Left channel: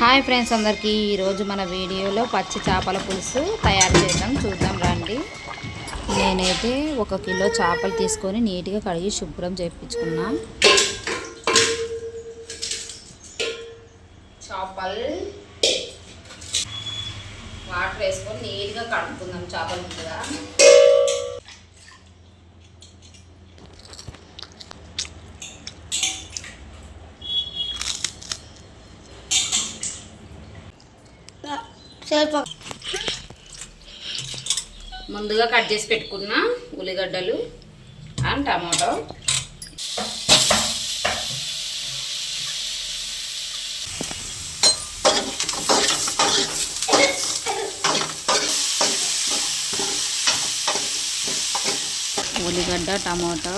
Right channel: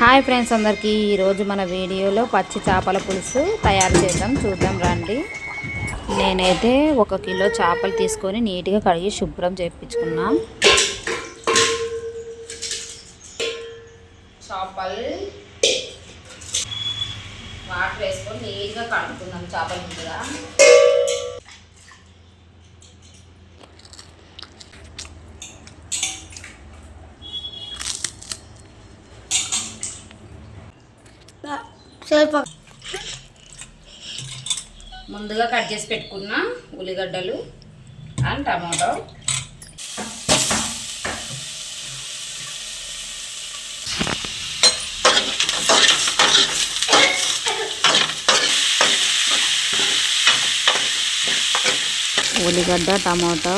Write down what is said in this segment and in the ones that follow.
Hi friends అందరికీ ఈరోజు మన వీడియోలో పచ్చి చేపల పులుసు తయారు చేద్దాం చూద్దాం రండి. నేనైతే 1 కిలో చేపలు తీసుకొని నీట్గా కడిగి శుభ్రం చేయించుకున్నా. చేపలు వాటర్ వేసుకొని నీట్గా కడుక్కుందాం చేపల ముందుగా. ముందుగా కట్ చేసి పెట్టుకున్న ఉల్లిగడ్డలు అండ్ టమాటో, ఉల్లిగడ్డ టమాటో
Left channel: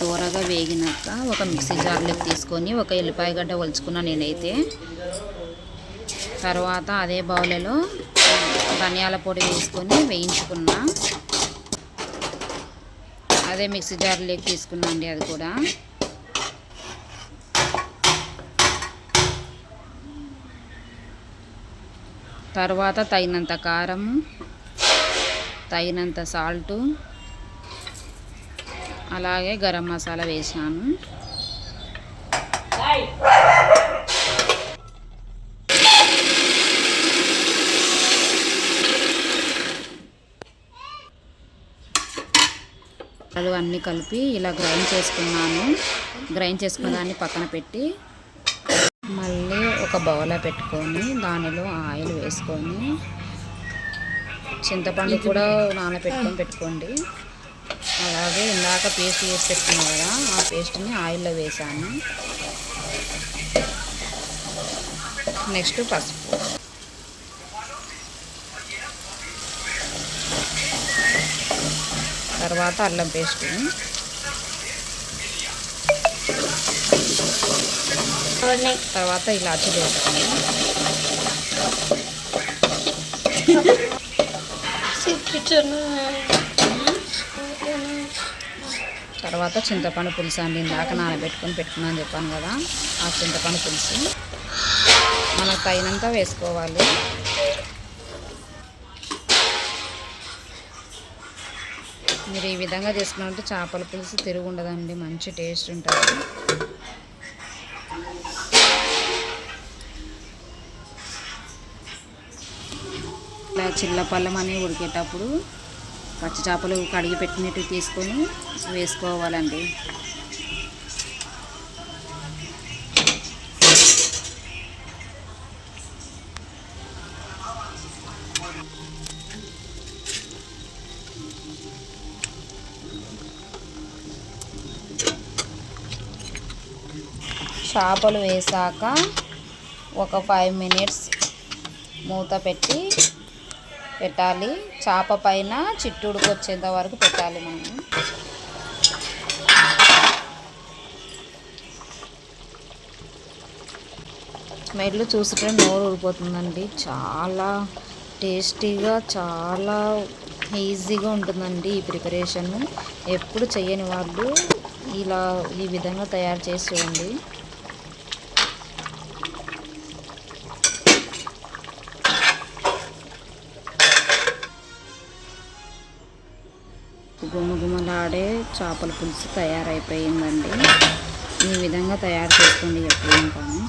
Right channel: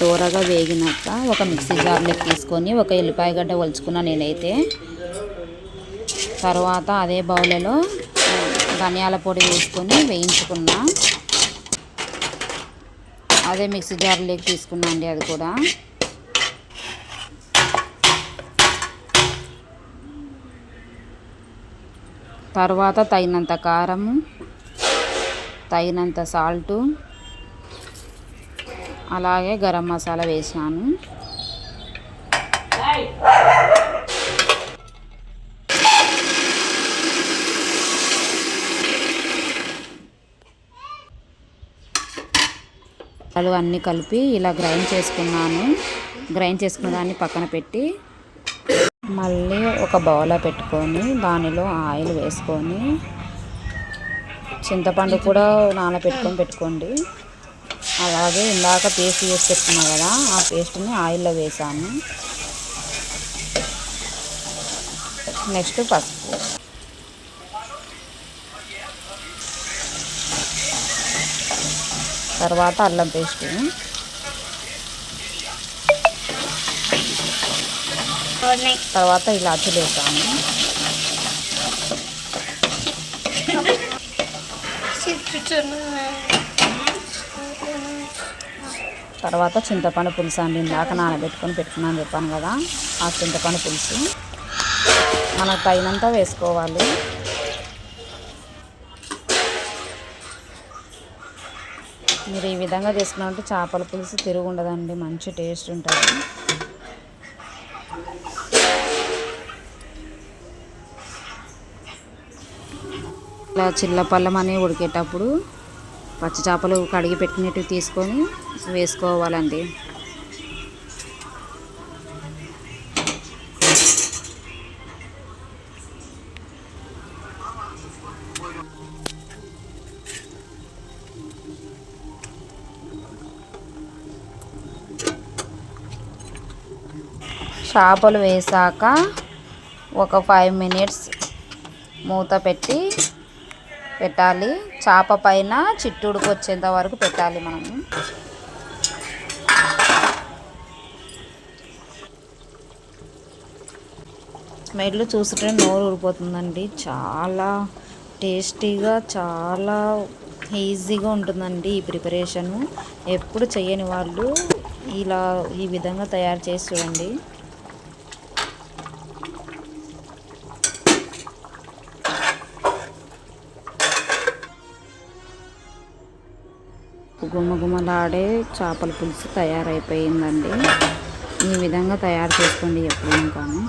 దూరగా వేగినాక ఒక మిక్సీ జార్లోకి తీసుకొని ఒక ఎల్లిపాయ గడ్డ ఒలుచుకున్నా నేనైతే. తర్వాత అదే బౌల్లో ధనియాల పొడి వేసుకొని వేయించుకున్నా. అదే మిక్సీ జార్లోకి తీసుకున్నా అండి అది కూడా. తర్వాత తగినంత కారం, తగినంత సాల్టు, అలాగే గరం మసాలా వేసాను. అన్నీ కలిపి ఇలా గ్రైండ్ చేసుకున్నాను. గ్రైండ్ చేసుకున్న దాన్ని పక్కన పెట్టి మళ్ళీ ఒక బౌల్లో పెట్టుకొని దానిలో ఆయిల్ వేసుకొని చింతపండు కూడా పెట్టుకోండి. అలాగే ఇందాక పేస్ట్ చేసి పెట్టుకున్నాం కదా, ఆ పేస్ట్ని ఆయిల్లో వేసాను. నెక్స్ట్ పసుపు, తర్వాత అల్లం పేస్ట్, తర్వాత ఇలాచీలు వేసాము. తర్వాత చింతపండు పులుసు అండి, ఇందాక పెట్టుకున్నాను చెప్పాను కదా, ఆ చింతపండు పులుసు మనకు తగినంత వేసుకోవాలి. మీరు ఈ విధంగా చేసుకున్నారంటే చేపల పులుసు తిరుగు ఉండదండి, మంచి టేస్ట్ ఉంటుంది. ఇలా చిల్లపల్లం అని ఉడికేటప్పుడు పచ్చి చేపలు కడిగి పెట్టినట్టు తీసుకొని వేసుకోవాలండి. చేపలు వేసాక ఒక 5 మినిట్స్ మూత పెట్టాలి. చేప పైన చిట్టుడుకు వచ్చేంత వరకు పెట్టాలి మనము. స్మెల్ చూసుకుంటే నోరు ఊరిపోతుందండి. చాలా టేస్టీగా, చాలా ఈజీగా ఉంటుందండి ఈ ప్రిపరేషను. ఎప్పుడు చేయని వాళ్ళు ఈ విధంగా తయారు చేసి చూడండి. గుమగుమలాడే చేపల పులుసు తయారైపోయిందండి. ఈ విధంగా తయారు చేసుకోండి ఎప్పుడైనా కానీ.